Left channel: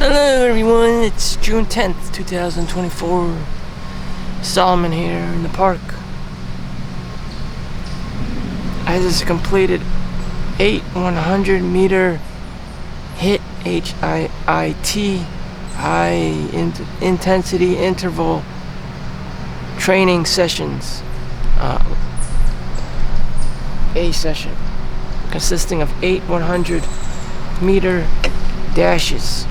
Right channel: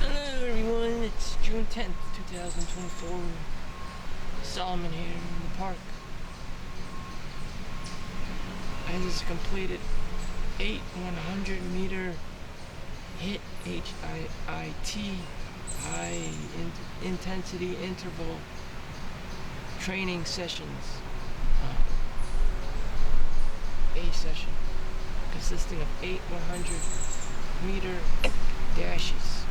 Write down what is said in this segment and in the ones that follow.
Hello everyone, it's June 10th, 2024. Solomon here in the park. I just completed 8 100-meter HIIT, H-I-I-T, high intensity interval training sessions. A session consisting of 8 100-meter dashes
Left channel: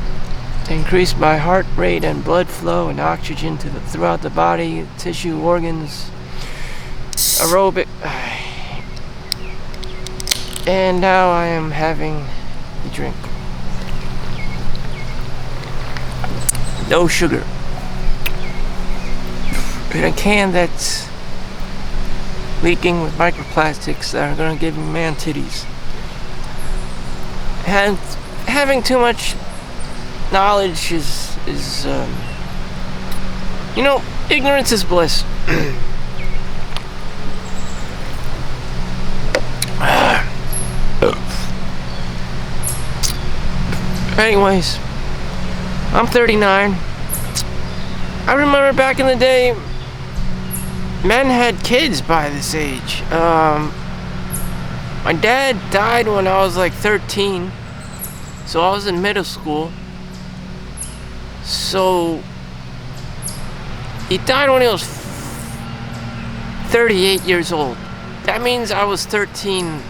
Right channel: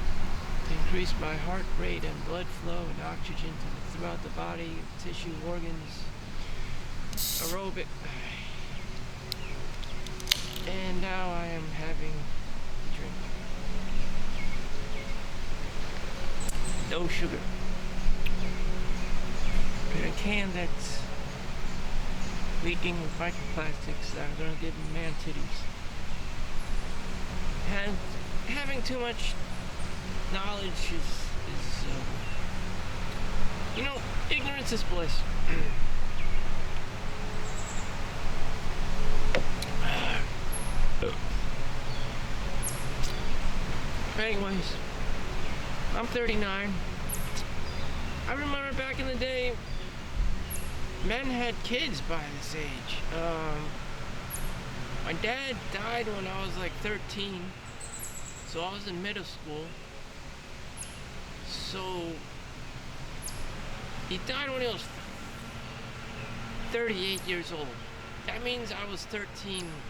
to increase my heart rate and blood flow and oxygen throughout the body, tissue, organs, aerobic. And now I am having a drink. No sugar. In a can that's leaking with microplastics that are going to give me man titties. And having too much knowledge is ignorance is bliss. Anyways, I'm 39. I remember back in the day, men had kids by this age. My dad died when I was like 13, so I was in middle school. So he died when he was 38 years old. That means I was 13.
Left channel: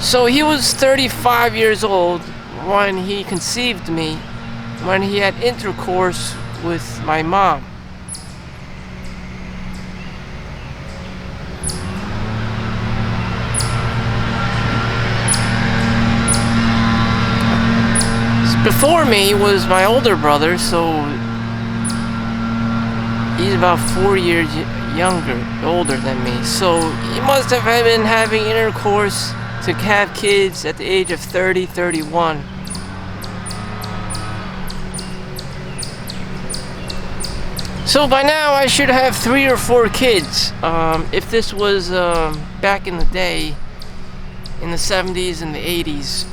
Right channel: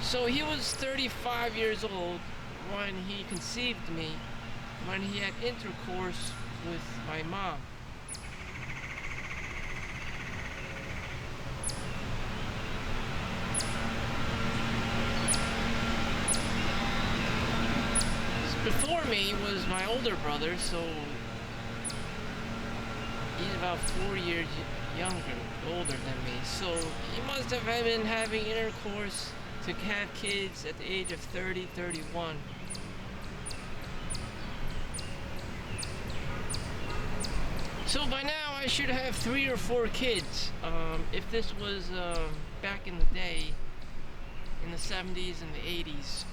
So he was 35 years old when he conceived me, when he had intercourse with my mom. Before me was my older brother, so he's about 4 years older than me. So he must have been having intercourse to have kids at the age of 30, 31. So by now I should have 3 or 4 kids. If this was back in the day, in the 70s and the 80s.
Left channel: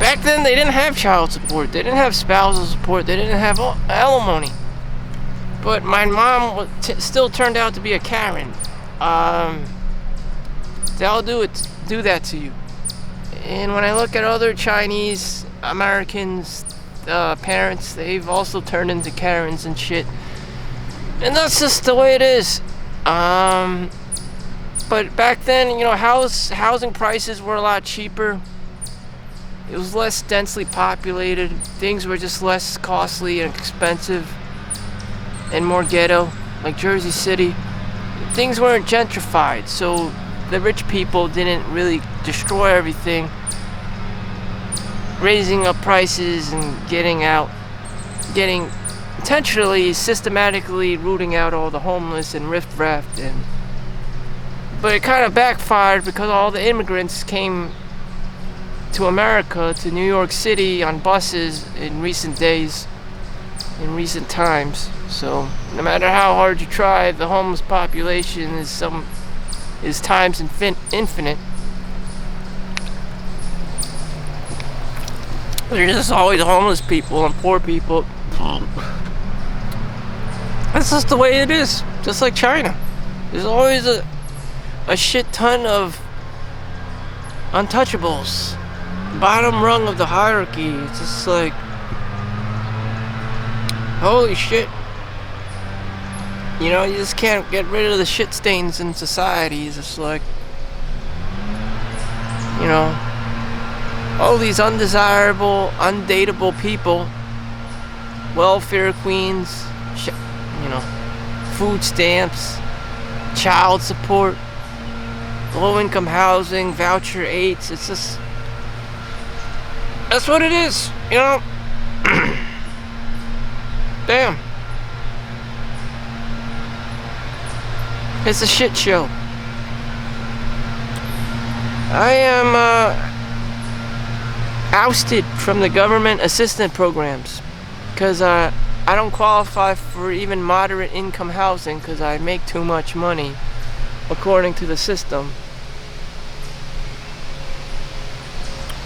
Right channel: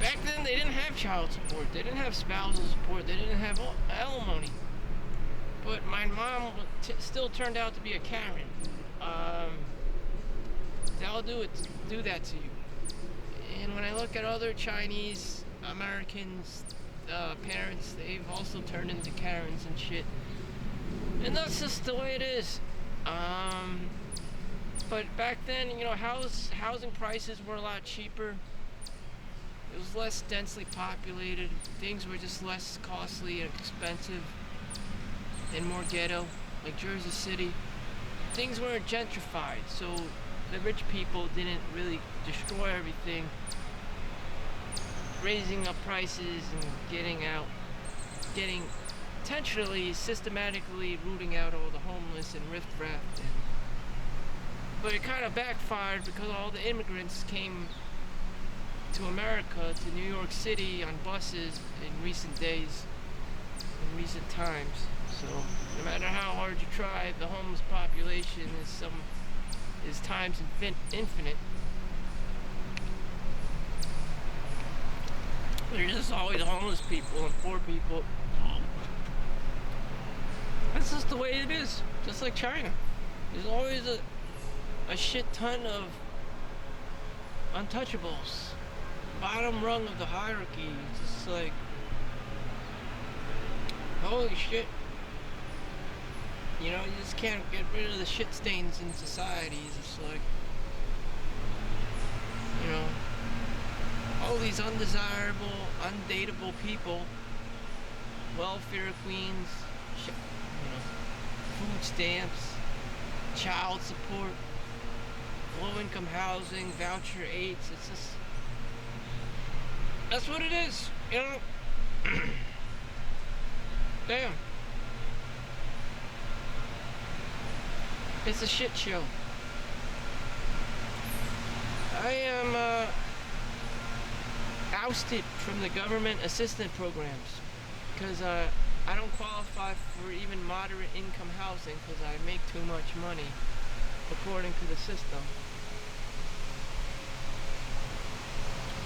Back then they didn't have child support, they didn't have spousal support, they didn't have alimony. But my mom still turned out to be a Karen. They'll do that to you. And when I look at other Chinese Americans, parents, they've also turned into Karens and shit. And that's just the way it is. But back then, housing prices were a lot cheaper. It was less densely populated. Things were just less costly and expensive and more ghetto, like Jersey City. Things weren't gentrified, so the rich people didn't really destroy everything, raising up prices and intentionally, systematically rooting out all the homeless and riffraff. But it kind of backfired because all the immigrants came to America, to New York City on buses in recent days, in recent times. So no matter how hard you try, the homeless population is times infinite. There's just always homeless people and poor people. That's just the way it is. Just like China. There's always a shit ton of untouchables. Bottom rung of the hierarchy. It's just like, holy shit. You just can't get rid of the shit stains in society. It's just like, all these undesirable, undateable people, welfare queens, food stamps, child support, low-income housing, voucher 8s. It's just, that's what it is, Damn. It's a shit show. I am ousted from the government assistance programs because I don't qualify for even moderate income housing because I make too much money according to the system.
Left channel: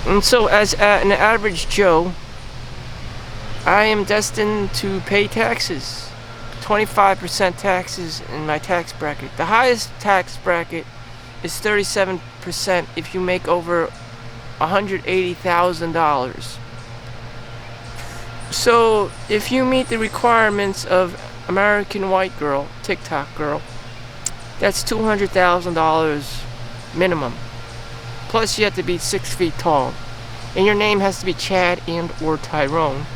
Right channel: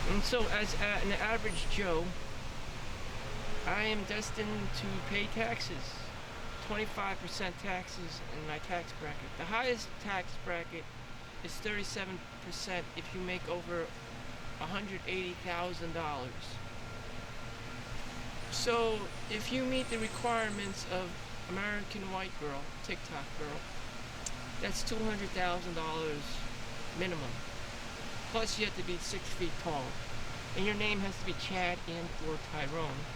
And so, as an average Joe, I am destined to pay taxes. 25% taxes in my tax bracket. The highest tax bracket is 37% if you make over $180,000. So, if you meet the requirements of American White Girl, TikTok girl, that's $200,000 minimum. Plus, you have to be 6 feet tall, and your name has to be Chad and or Tyrone.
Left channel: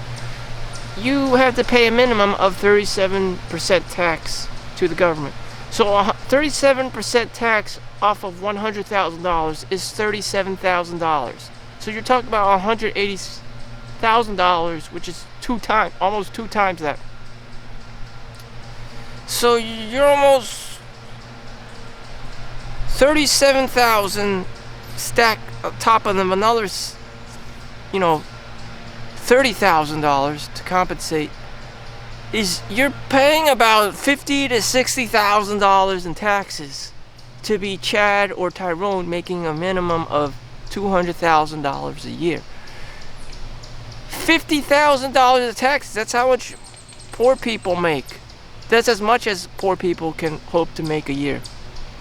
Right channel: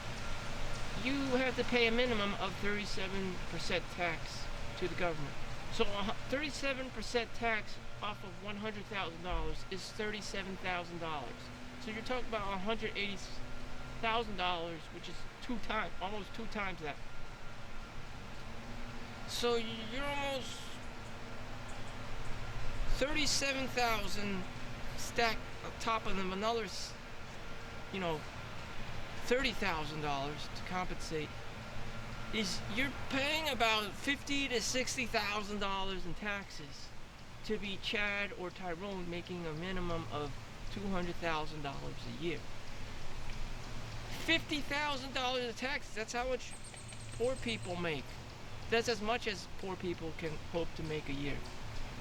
You have to pay a minimum of 37% tax to the government. So 37% tax off of $100,000 is $37,000. So you're talking about $180,000, which is almost two times that. So you're almost 37,000 stacked on top of them, another, $30,000 to compensate. You're paying about $50,000 to $60,000 in taxes to be Chad or Tyrone, making a minimum of $200,000 a year. $50,000 of taxes, that's how much poor people make. That's as much as poor people can hope to make a year.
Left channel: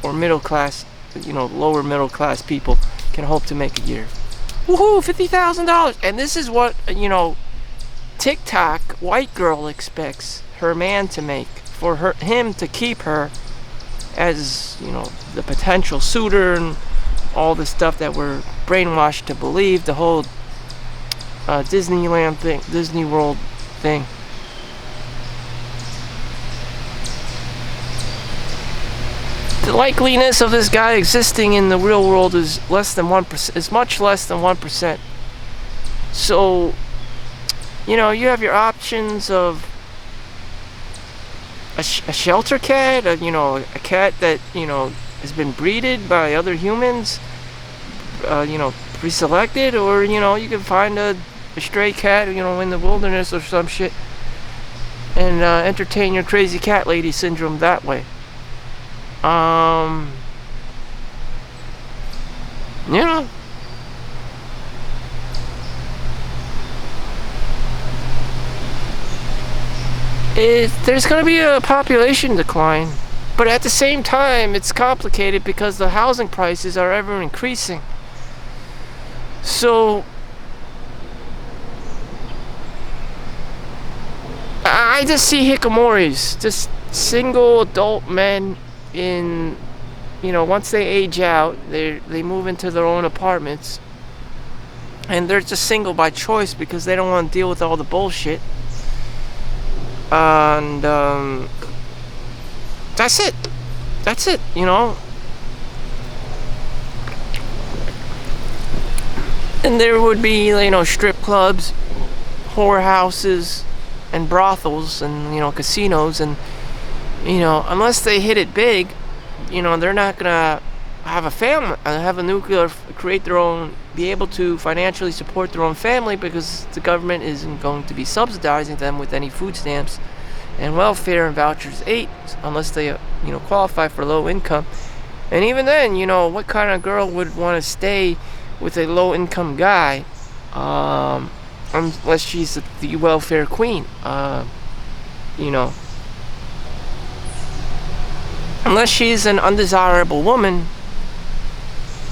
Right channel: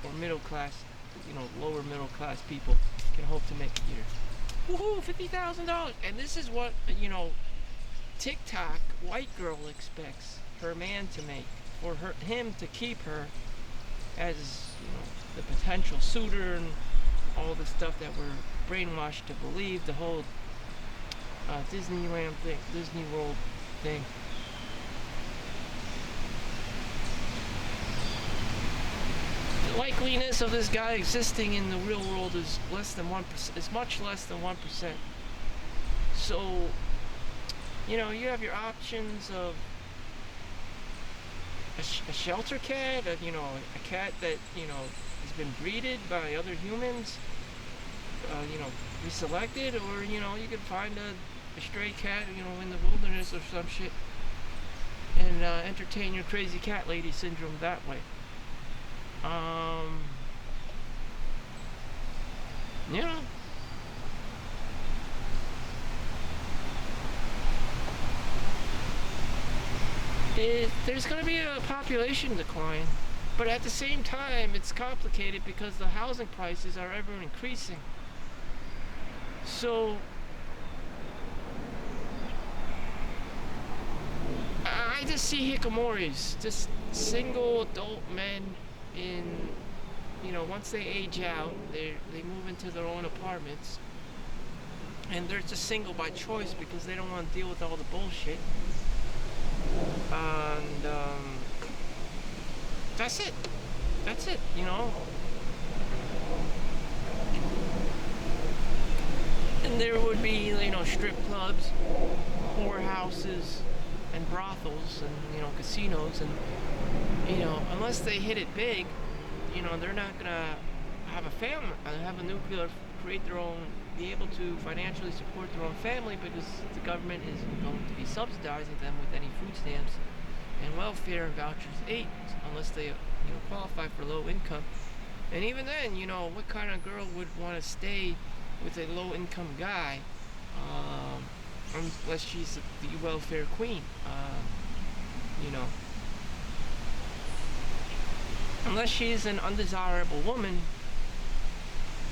Or middle class, lower middle class people can hope to make a year. Woohoo, $50,000. And this is what, TikTok white girl expects her man to make. For him to keep her as, the potential suitor and all the stuff that we're brainwashed to believe, the whole Disneyland thing, Disney World thing. The likeliness of this guy existing in the real world is less than 1%. Is much less than 1%. So, you have your options of a shelter cat, a cat that has been breeded by other humans, pre-selected, or you can find a stray cat, in the wilderness or some shit, and entertain your crazy cat lady syndrome that way. There's going to be a population decline, but at the same time, it's complicated because the housing prices are ever increasing. So, I just see hikikomoris, just single adult men in, once they age out, they move into their own apartments, and they're just single by choice because they don't want to deal with all the bullshit. And that's it. And there would be, strip clubs, whorehouses, and brothels, and casinos, and unless they hit it big, they're not gonna have a family, have a nuclear, create their own, be able to financially support their own family, because the government isn't going to be subsidizing them with any food stamps and welfare and vouchers 8, unless they qualify for low income. And even then, what kind of girl would want to stay with a low income guy, unless she's the welfare queen, unless she's an undesirable woman,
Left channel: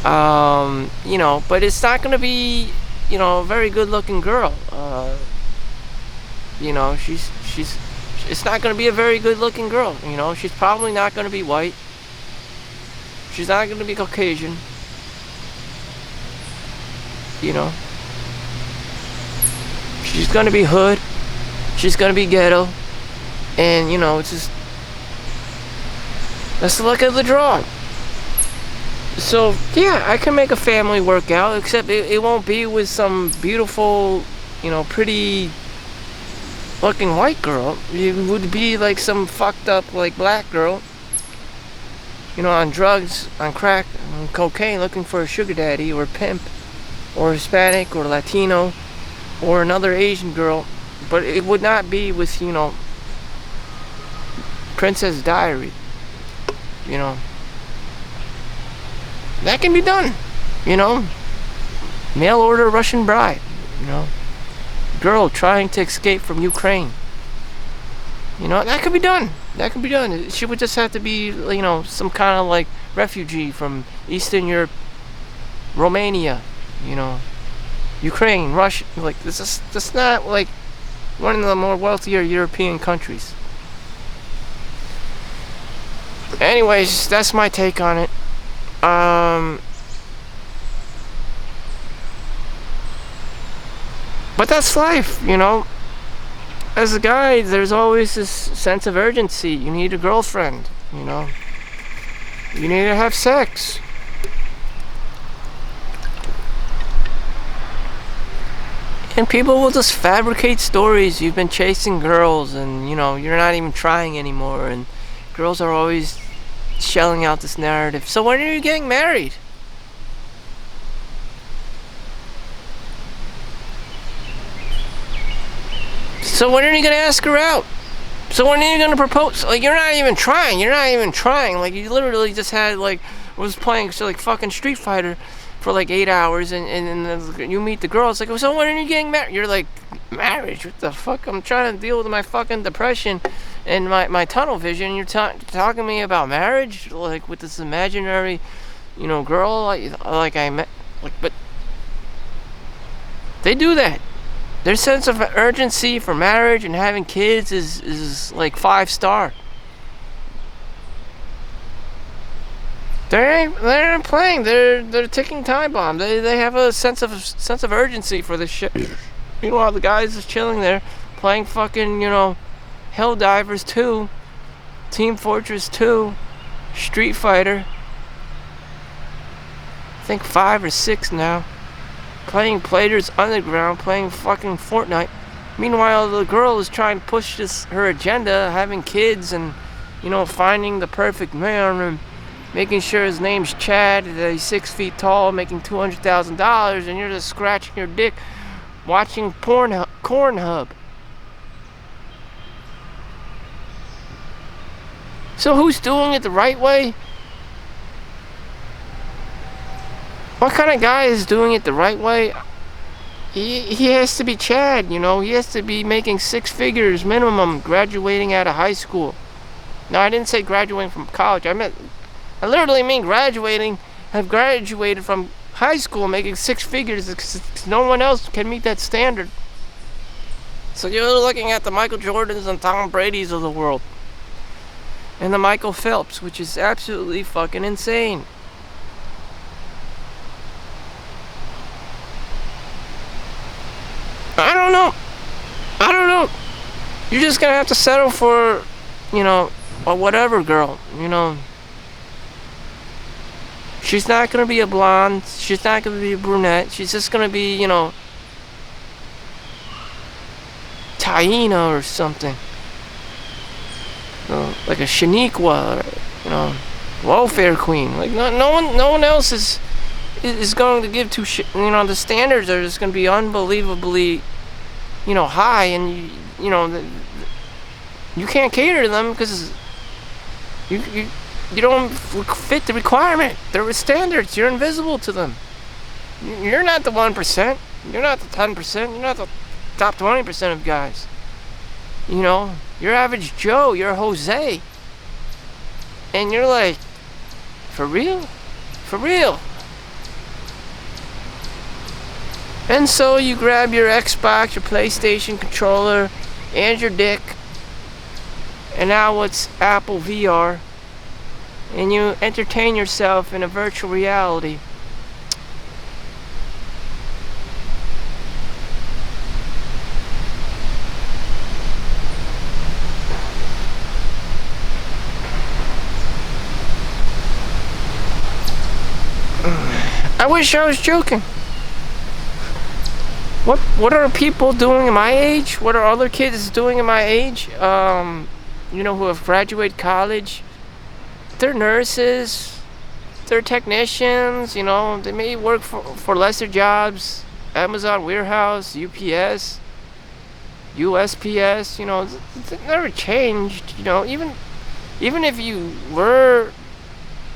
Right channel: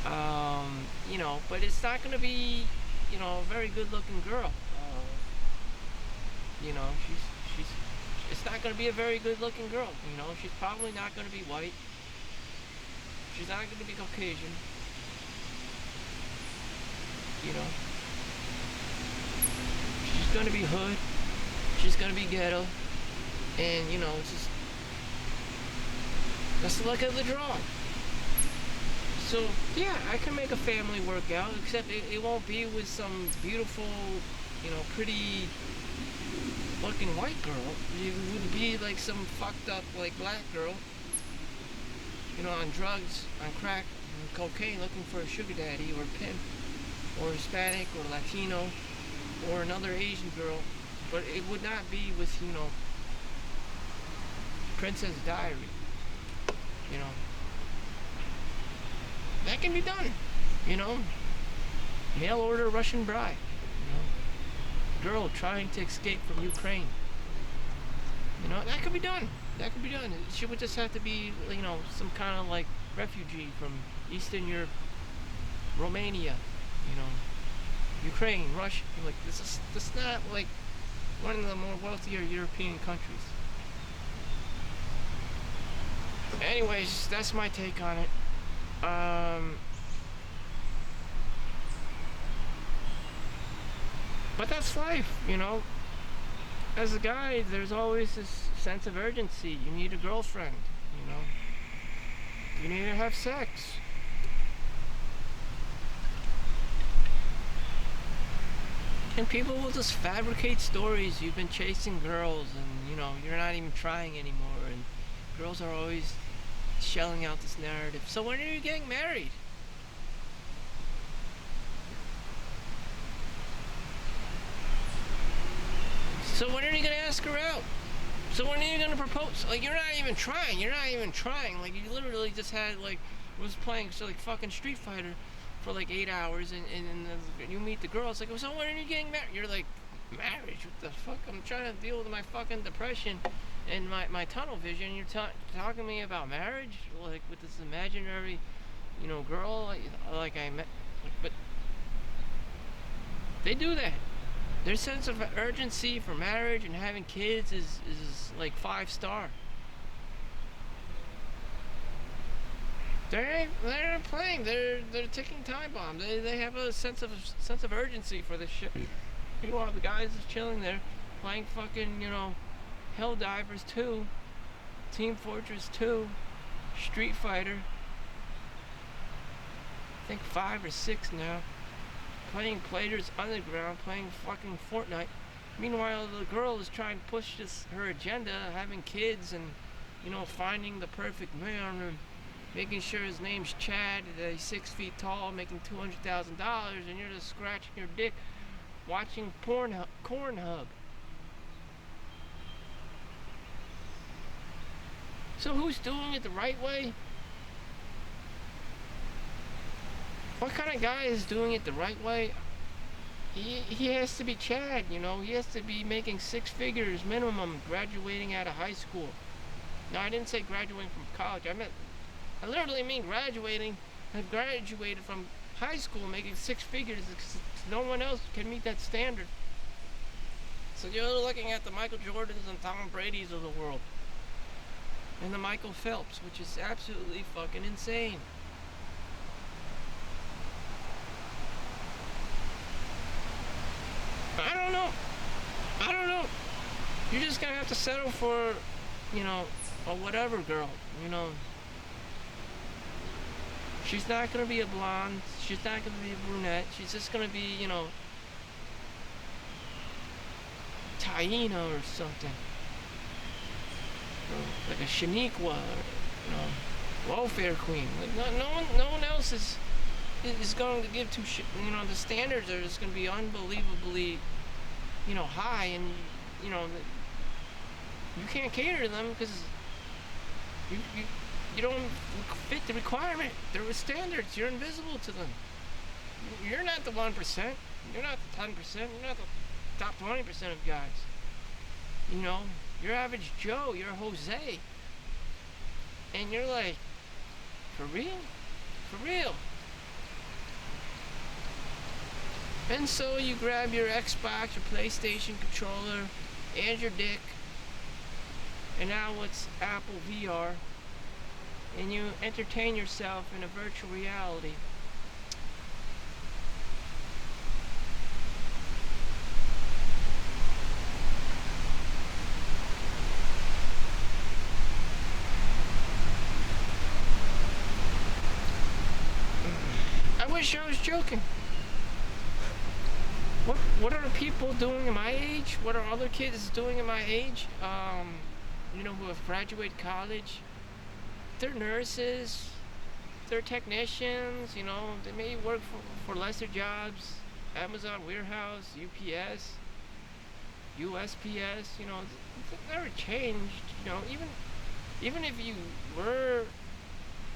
but it's not going to be, a very good looking girl. It's not going to be a very good looking girl. She's probably not going to be white. She's not going to be Caucasian. She's going to be hood. She's going to be ghetto. And, it's just, that's the luck of the draw. So, yeah, I can make a family work out, except it won't be with some beautiful, pretty looking white girl. It would be like some fucked up, black girl, on drugs, on crack, on cocaine, looking for a sugar daddy or a pimp, or Hispanic or Latino, or another Asian girl. But it would not be with, Princess Diary. That can be done, Mail order Russian bride, you know. Girl trying to escape from Ukraine. You know, that could be done. That could be done. She would just have to be, you know, some kind of like refugee from Eastern Europe, Romania, you know, Ukraine, Russia. Like, this is not like one of the more wealthier European countries. Anyways, that's my take on it. But that's life, you know. As a guy, there's always this sense of urgency. You need a girlfriend, you know. You need to have sex. And people will just fabricate stories. You've been chasing girls and, you know, you're not even trying anymore. And girls are always shelling out this narrative. So when are you getting married? So when are you gonna ask her out? So when are you gonna propose? Like, you're not even trying. You're not even trying. Like, you literally just had, like, was playing so like fucking Street Fighter for like 8 hours, and you meet the girl. It's like, so when are you getting married? You're like, marriage? What the fuck? I'm trying to deal with my fucking depression and my tunnel vision. You're talking to me about marriage, like with this imaginary, you know, girl like I met. Like, but they do that. Their sense of urgency for marriage and having kids is like 5-star. They ain't playing. They're ticking time bomb. They have a sense of urgency for this shit. Meanwhile, the guys just chilling there, playing fucking, you know, Helldivers 2, Team Fortress 2, Street Fighter. I think 5 or 6 now. Playing Players Underground, playing fucking Fortnite. Meanwhile, the girl is trying to push her agenda, having kids and, you know, finding the perfect man and making sure his name's Chad, that he's 6 feet tall, making $200,000, and you're just scratching your dick watching Pornhub. So who's doing it the right way? What kind of guy is doing it the right way? He has to be Chad, you know. He has to be making 6 figures minimum, graduating out of high school. No, I didn't say graduating from college. I literally mean graduating. Have graduated from high school making 6 figures because no one else can meet that standard. So you're looking at the Michael Jordans and Tom Brady's of the world. And the Michael Phelps, which is absolutely fucking insane. I don't know. You're just gonna have to settle for, you know, a whatever girl, you know. She's not gonna be a blonde. She's not gonna be a brunette. She's just gonna be, you know, Taina or something. You know, like a Shaniqua, or, you know, welfare queen. Like no one else is going to give two shit. You know, the standards are just going to be unbelievably, you know, high, and you know, you can't cater to them because you don't fit the requirement. There are standards. You're invisible to them. You're not the 1%. You're not the 10%. You're not the top 20% of guys. You know, you're average Joe. You're Jose. And you're like, for real? For real? And so you grab your Xbox, your PlayStation controller, and your dick. And now it's Apple VR. And you entertain yourself in a virtual reality. I wish I was joking. What are people doing at my age? What are other kids doing at my age? You know, who have graduated college. They're nurses. They're technicians. You know, they may work for lesser jobs. Amazon warehouse, UPS, USPS. You know, it never changed. You know, even if you were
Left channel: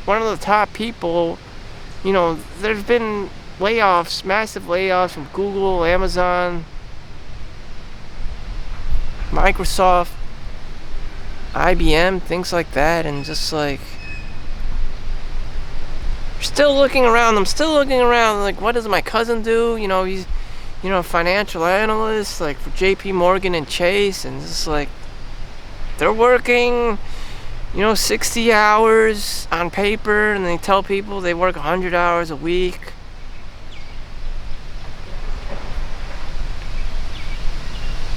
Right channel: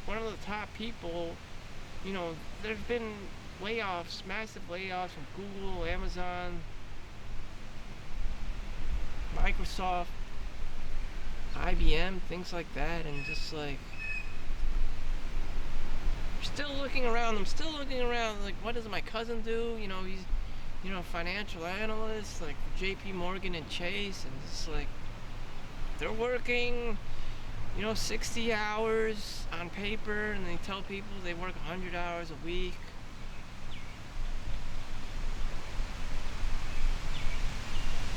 one of the top people, you know, there's been layoffs, massive layoffs from Google, Amazon, Microsoft, IBM, things like that, and just like still looking around. I'm still looking around. Like, what does my cousin do? You know, he's a financial analyst, like for JP Morgan and Chase, and just like they're working, 60 hours on paper, and they tell people they work 100 hours a week.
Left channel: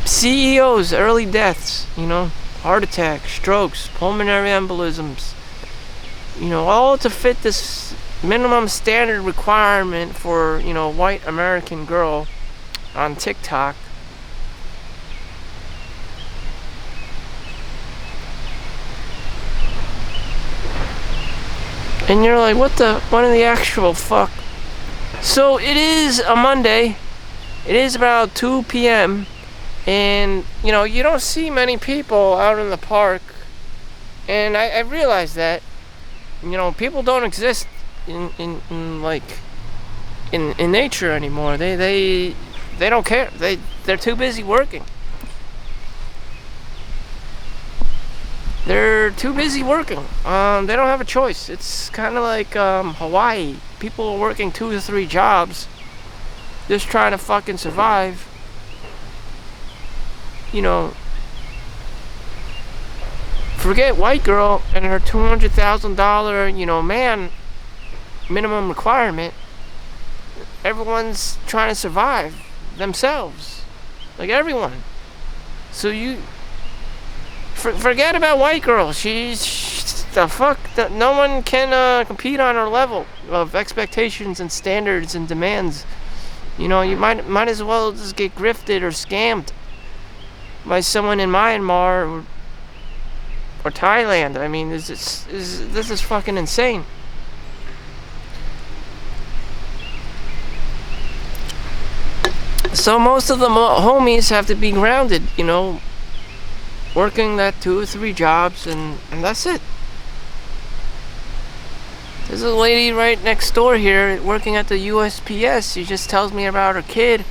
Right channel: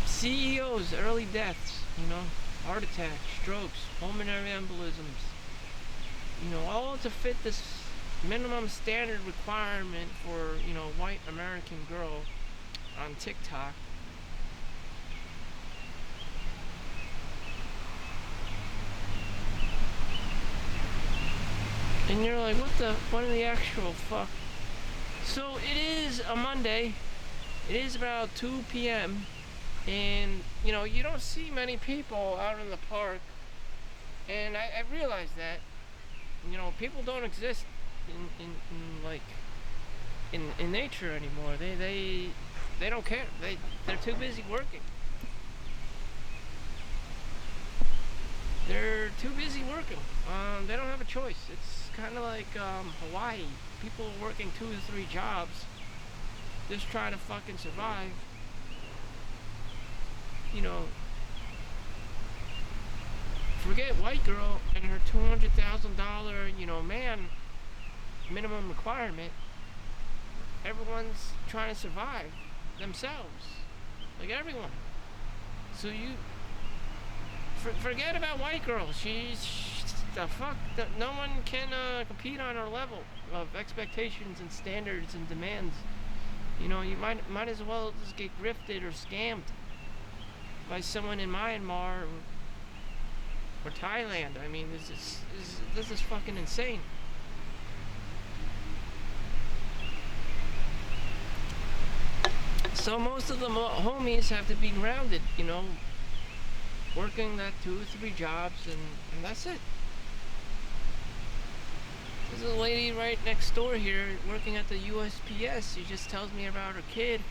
CEOs, early deaths, heart attacks, strokes, pulmonary embolisms, all to fit this minimum standard requirement for, white American girl on TikTok. And you're like, what in the actual fuck? So it is a Monday. It is about 2 p.m. And, you don't see many people out in the park. And I realize that, people don't exist in nature anymore. They don't care. They're too busy working. They're too busy working. They don't have a choice. It's kind of like Hawaii. People are working 2 to 3 jobs, just trying to fucking survive. Forget white girl and her $200,000, man, minimum requirement. Everyone's trying to survive themselves, like everyone. So forget about white girl. She's the fuck. No one can compete on her level of expectations and standards and demands. You might as well just get grifted or scammed by someone in Myanmar or Thailand. I mean, this is fucking insane. So most of the homies have to be grounded, working that 2 or 3 jobs, and that's it. There's a lady right next door here working at the USPS. She just tells me about her kid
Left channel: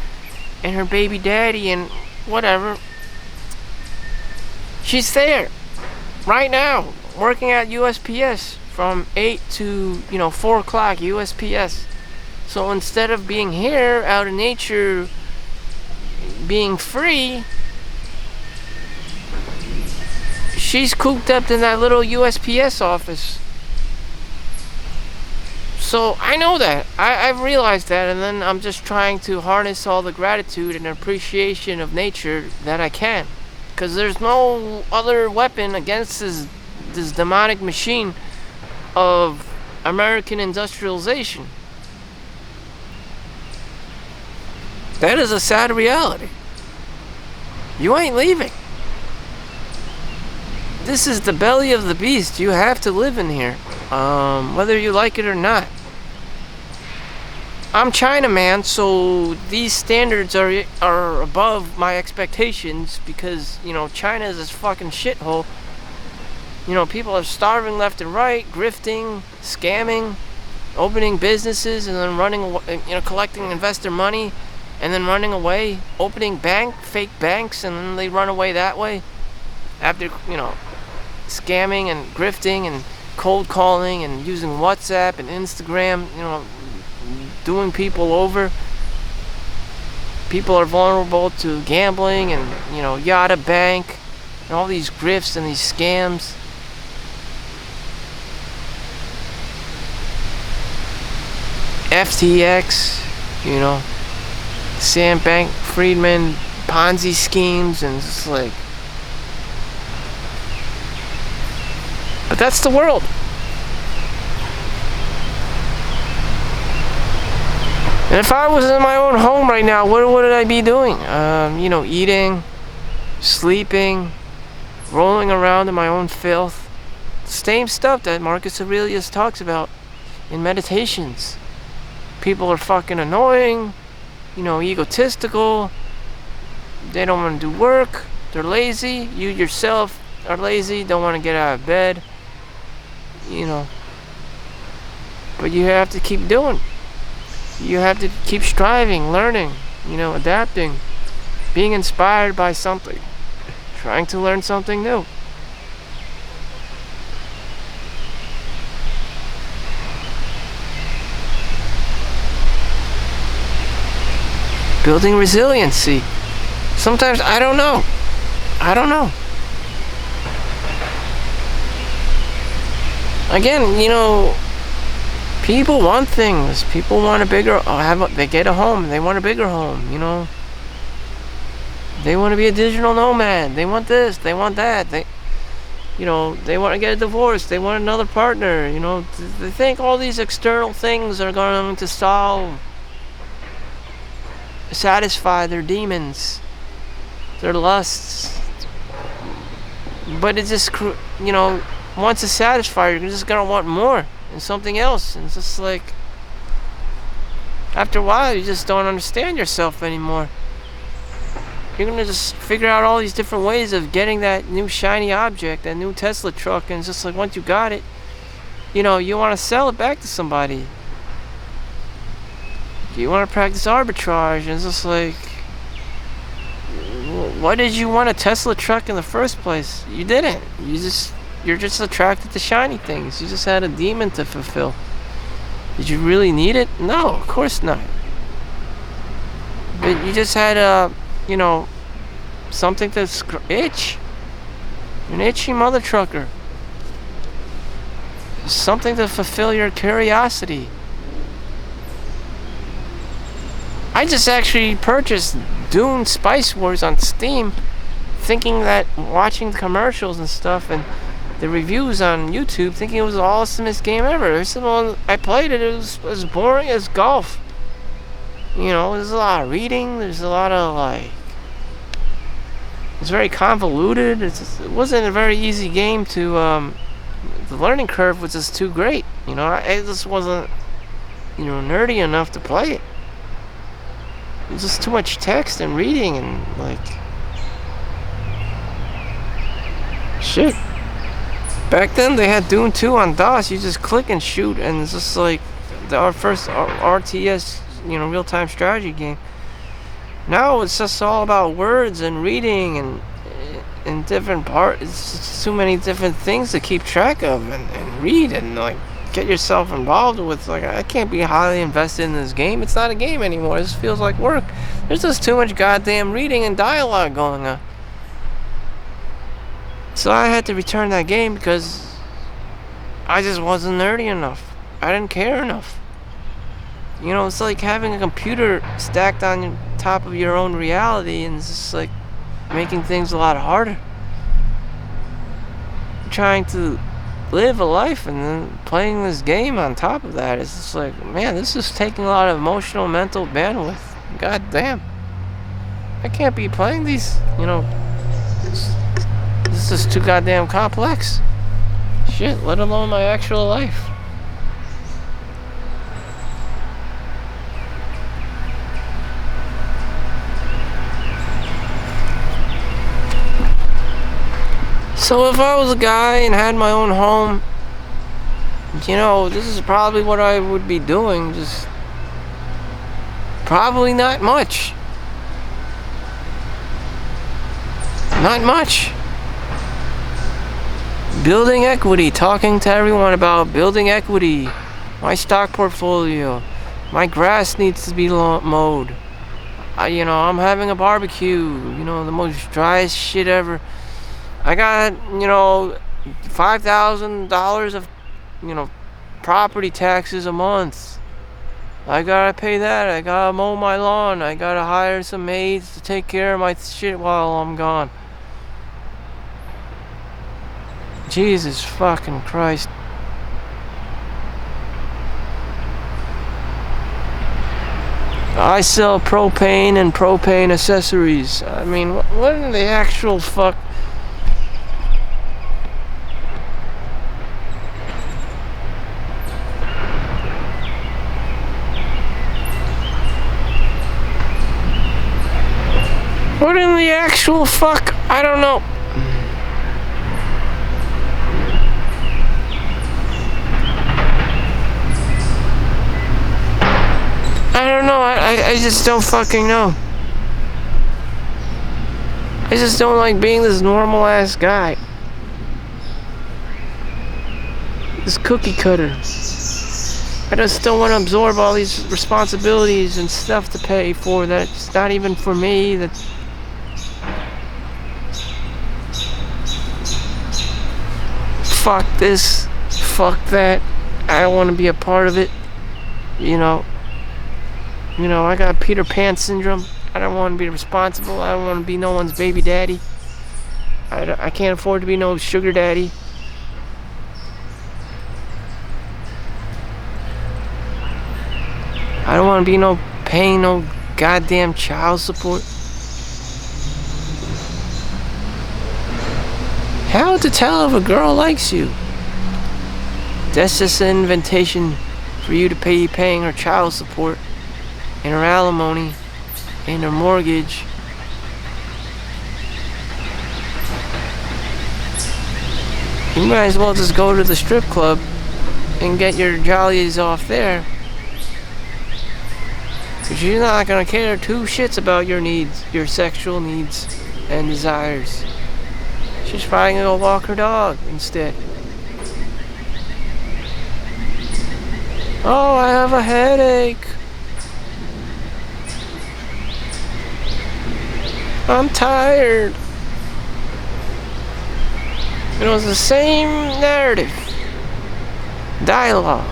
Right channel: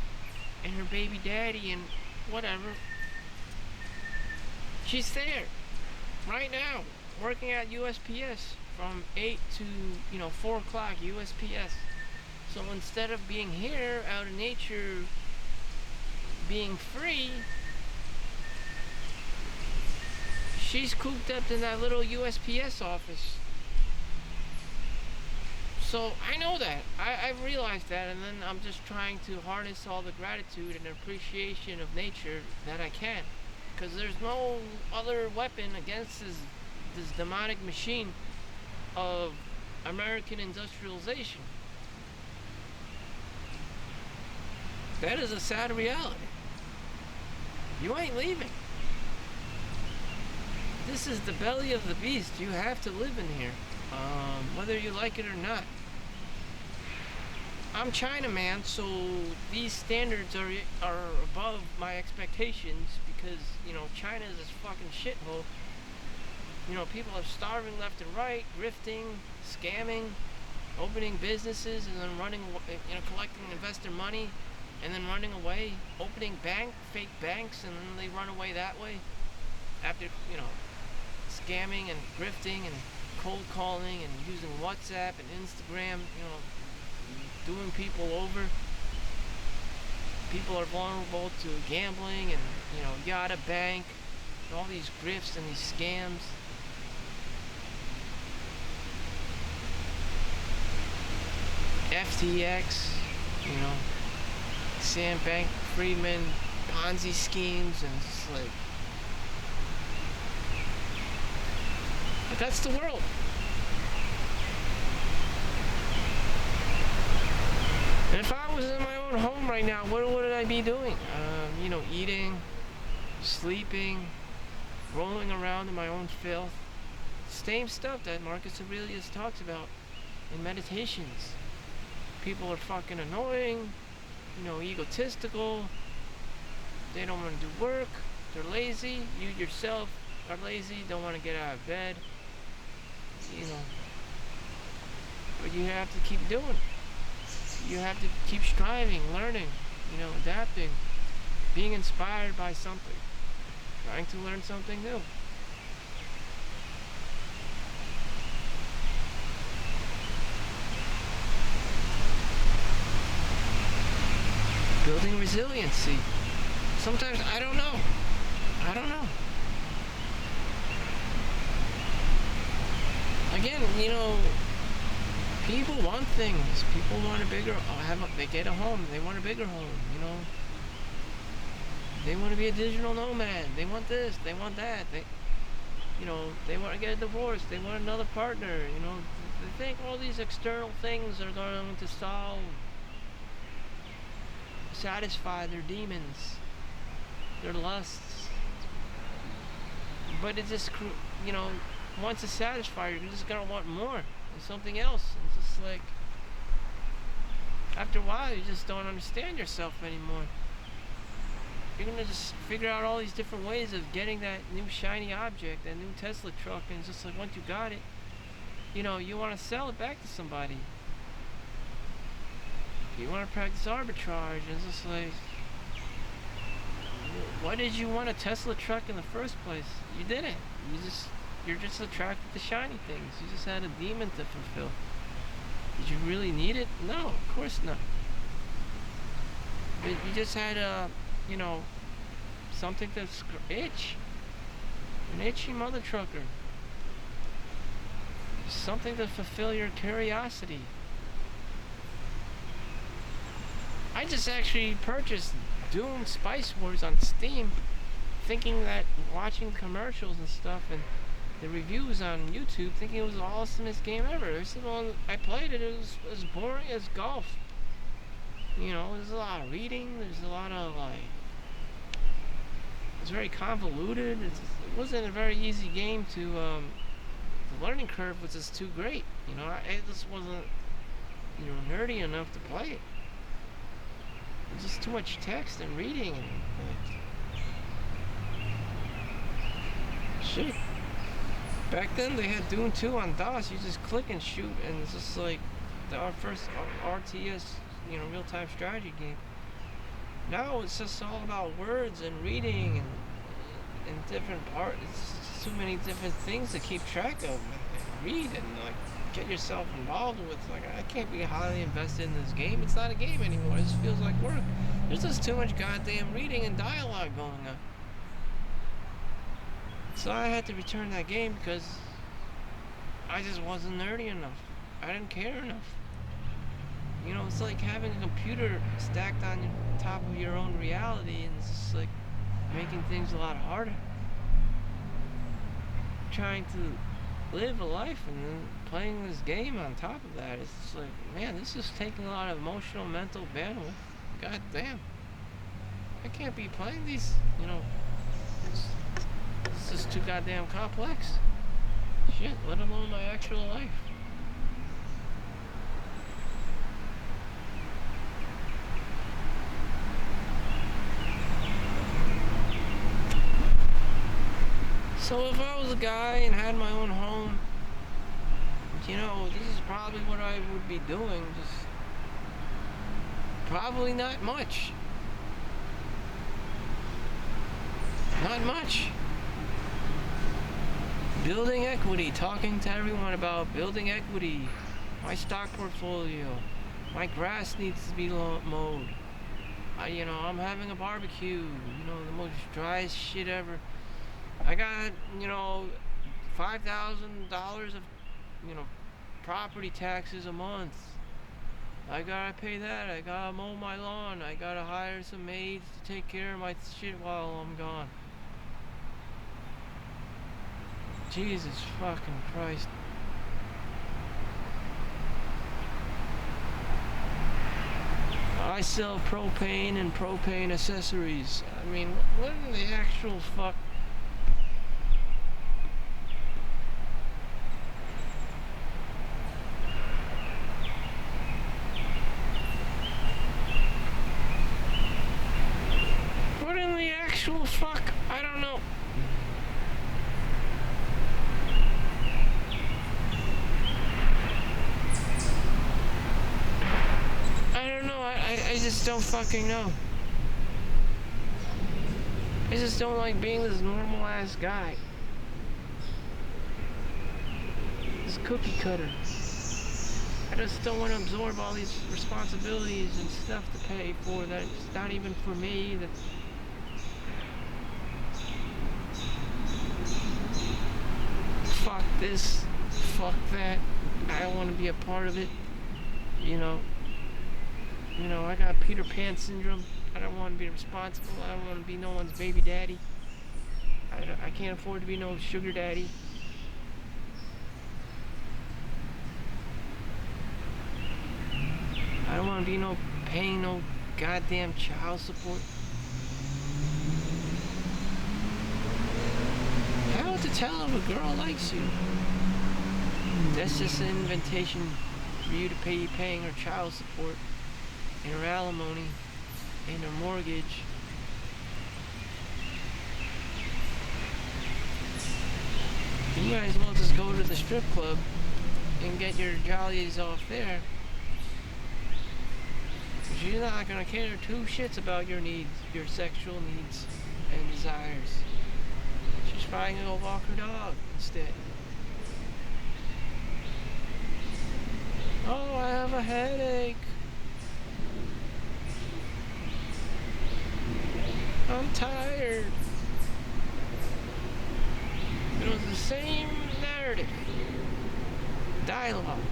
and her baby daddy and whatever. She's there right now working at USPS from 8 to 4 o'clock USPS. So instead of being here out in nature, being free, she's cooped up in that little USPS office. So I know that. I've realized that, and then I'm just trying to harness all the gratitude and appreciation of nature that I can. Because there's no other weapon against this demonic machine of American industrialization. That is a sad reality. You ain't leaving. This is the belly of the beast. You have to live in here, whether you like it or not. I'm China, man, so these standards are above my expectations because, China is this fucking shithole. People are starving left and right, grifting, scamming, opening businesses and then running away, collecting investor money and then running away, opening fake banks, and then they run away that way after, scamming and grifting and cold calling and using WhatsApp and Instagram, doing people over. People are vulnerable to gambling and, Yada Bank and all these grifts and these scams. FTX, Sam Bankman-Fried Ponzi schemes, and it's like, but that's the world. And if I was in my own home right now, what would I be doing? Eating, sleeping, rolling around in my own filth. Same stuff that Marcus Aurelius talks about in Meditations. People are fucking annoying, egotistical. They don't want to do work. They're lazy. You yourself are lazy, don't want to get out of bed. But you have to keep doing. You have to keep striving, learning, adapting, being inspired by something, trying to learn something new. Building resiliency. Sometimes I don't know. Again, people want things. People want a bigger, they get a home, they want a bigger home, They want to be a digital nomad. They want this, they want that. They want to get a divorce. They want another partner, They think all these external things are going to satisfy their demons, their lusts. But it just, once it's satisfied, you're just gonna want more and something else. And it's just like, after a while, you just don't understand yourself anymore. You're gonna just figure out all these different ways of getting that new shiny object, that new Tesla truck, and it's just like, once you got it, you want to sell it back to somebody. You want to practice arbitrage, and it's just like, why did you want a Tesla truck in the first place? You didn't. You're just attracted to shiny things. You just had a demon to fulfill. Did you really need it? No, of course not. But you just had something to itch. An itchy mother trucker. Something to fulfill your curiosity. I just actually purchased Dune Spice Wars on Steam, thinking that, watching the commercials and stuff and the reviews on YouTube, thinking it was the awesomest game ever. I played it, it was as boring as golf. There's a lot of reading, there's a lot of it's very convoluted. It wasn't a very easy game to, the learning curve was just too great. I just wasn't, nerdy enough to play it. It was just too much text and reading and shit. Back then they had Dune 2 on DOS. You just click and shoot, and it's just like our first RTS, real-time strategy game. Now it's just all about words and reading and different parts. It's just too many different things to keep track of and read and get yourself involved with. I can't be highly invested in this game. It's not a game anymore. This feels like work. There's just too much goddamn reading and dialogue going on. So I had to return that game because I just wasn't nerdy enough. I didn't care enough. It's like having a computer stacked on top of your own reality, and it's just like making things a lot harder. Trying to live a life and then playing this game on top of that, it's just like, man, this is taking a lot of emotional, mental bandwidth. God damn. I can't be playing these, this is too goddamn complex. Shit, let alone my actual life. So if I was a guy and had my own home, this is probably what I would be doing. Just probably not much. Not much. Building equity, talking to everyone about building equity. My stock portfolio. My grass needs to be mowed. I'm having a barbecue. The most driest shit ever. I got, $5,000 of, property taxes a month. I gotta pay that. I gotta mow my lawn. I gotta hire some maids to take care of my shit while I'm gone. Jesus fucking Christ. I sell propane and propane accessories. I mean, what in the actual fuck? What in the actual fuck? I don't know. I just don't fucking know. I just don't like being this normal ass guy. This cookie cutter. I just don't want to absorb all these responsibilities and stuff to pay for that's not even for me. That fuck this, fuck that. I don't want to be a part of it. You know, I got Peter Pan syndrome. I don't want to be responsible. I don't want to be no one's baby daddy. I can't afford to be no sugar daddy. I don't want to be paying no goddamn child support. How to tell if a girl likes you? That's just an invitation for you to paying her child support and her alimony and her mortgage. You might as well just go to the strip club and get your jollies off there. Because you're not going to care two shits about your needs, your sexual needs and desires. She's probably going to go walk her dog instead. Oh, I have a headache. I'm tired. It was the same narrative. Dialogue.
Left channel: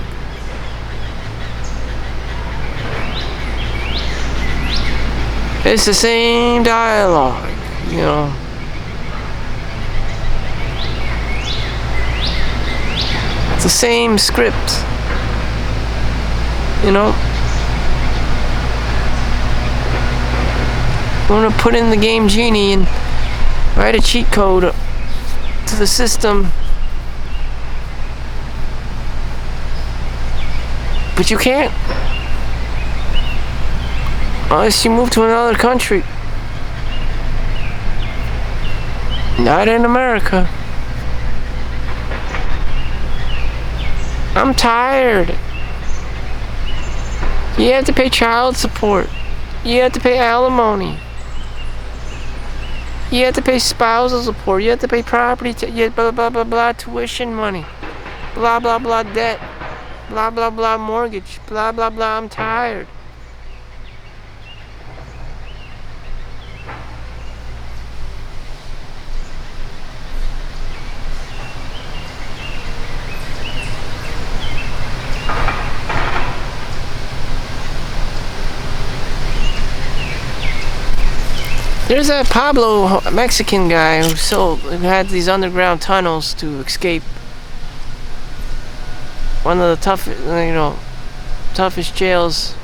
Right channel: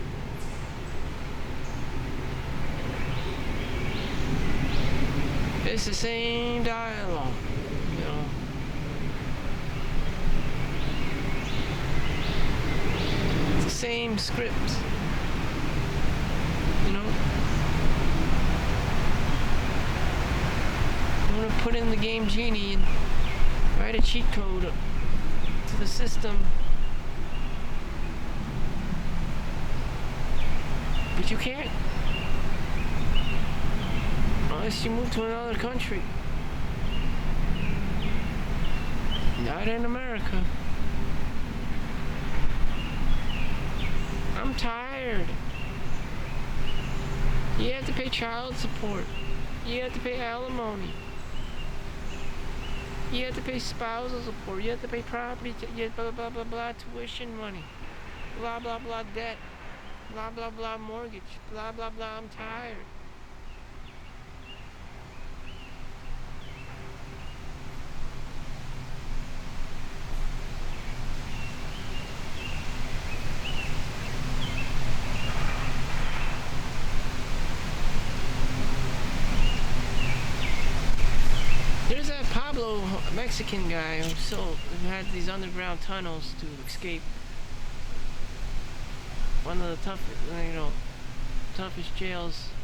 It's the same dialogue, you know. It's the same script, you know. I'm gonna put in the game genie and write a cheat code to the system. But you can't. Unless you move to another country. Not in America. I'm tired. You have to pay child support. You have to pay alimony. You have to pay spousal support. You have to pay property, blah, blah, blah, blah, tuition money. Blah, blah, blah, debt. Blah, blah, blah, mortgage. Blah, blah, blah, I'm tired. There's that Pablo Mexican guy who had these underground tunnels to escape. One of the toughest jails.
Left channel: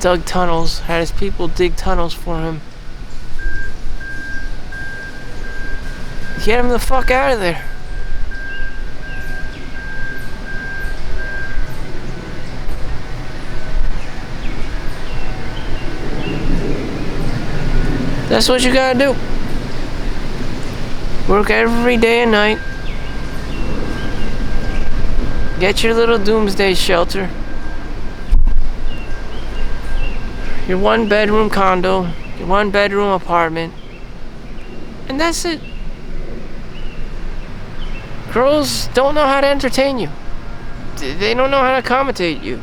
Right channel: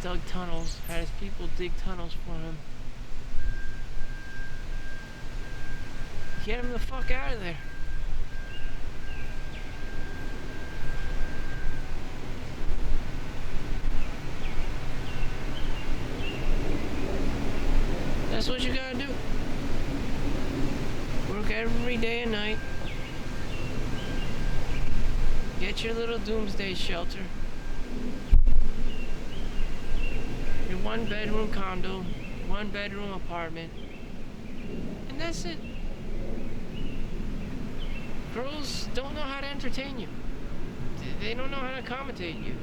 Dug tunnels, had his people dig tunnels for him. Get him the fuck out of there. That's what you gotta do. Work every day and night. Get your little doomsday shelter. Your 1-bedroom condo. Your 1-bedroom apartment. And that's it. Girls don't know how to entertain you. They don't know how to accommodate you.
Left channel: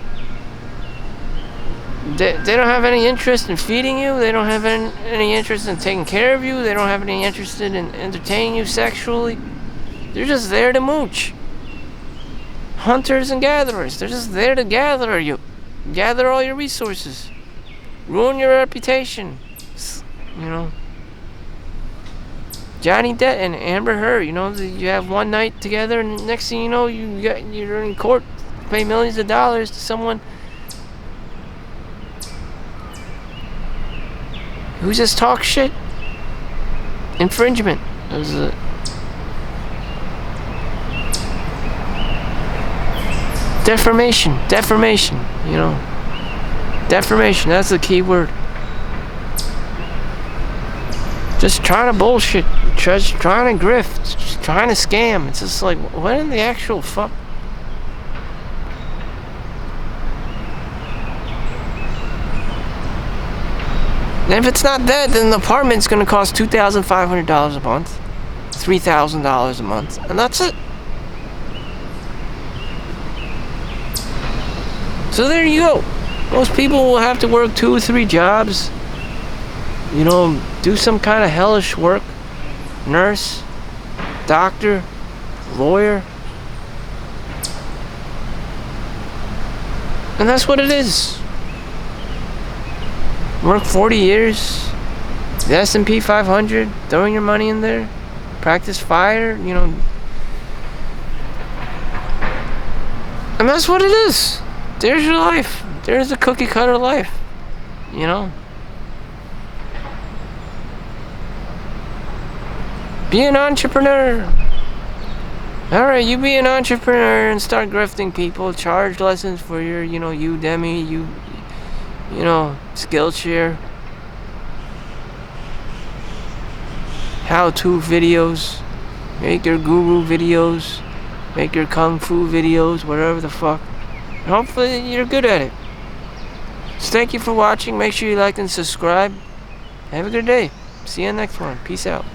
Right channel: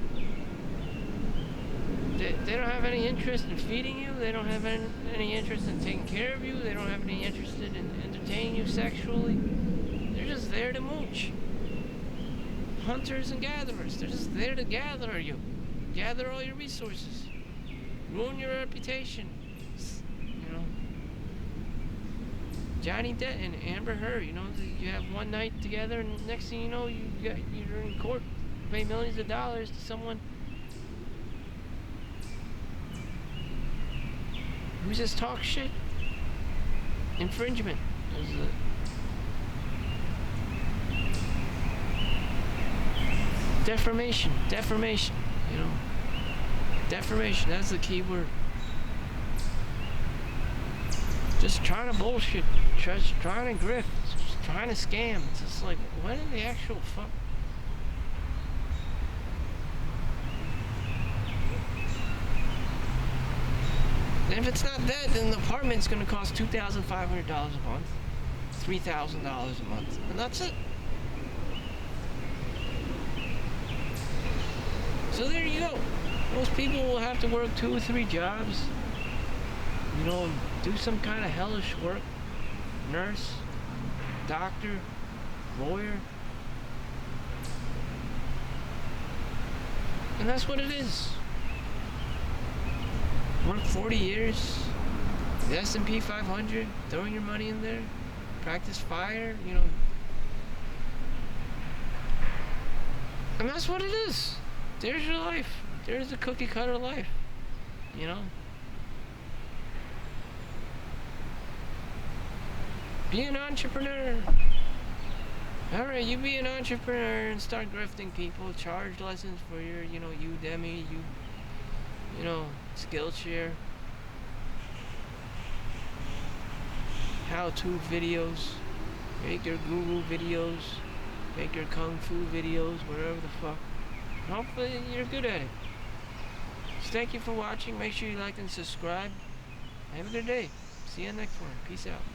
They don't have any interest in feeding you. They don't have any interest in taking care of you. They don't have any interest in entertaining you sexually. They're just there to mooch. Hunters and gatherers. They're just there to gather you. Gather all your resources. Ruin your reputation. You know. Johnny Depp and Amber Heard, you know, you have one night together and next thing you know, you're in court, pay millions of dollars to someone who just talks shit. Infringement. Defamation, you know. Defamation, that's the key word. Just trying to bullshit, just trying to grift, just trying to scam. It's just like, what in the actual fuck? And if it's not that, then the apartment's gonna cost $2,500 a month, $3,000 a month, and that's it. So there you go. Most people will have to work 2 or 3 jobs, you know, do some kind of hellish work, nurse, doctor, lawyer, and that's what it is. Work 40 years, the S&P 500, throwing your money in there, practice fire, you know, and that's what it is. There's your life. There's the cookie cutter life, you know. Be an entrepreneur. Alright, you be an entrepreneur and start grifting people. Charge lessons for your, you know, Udemy, you know, Skillshare. How-to videos. Make your guru videos. Make your kung fu videos, whatever the fuck. And hopefully you're good at it. So thank you for watching. Make sure you like and subscribe. Have a good day. See you in the next one. Peace out.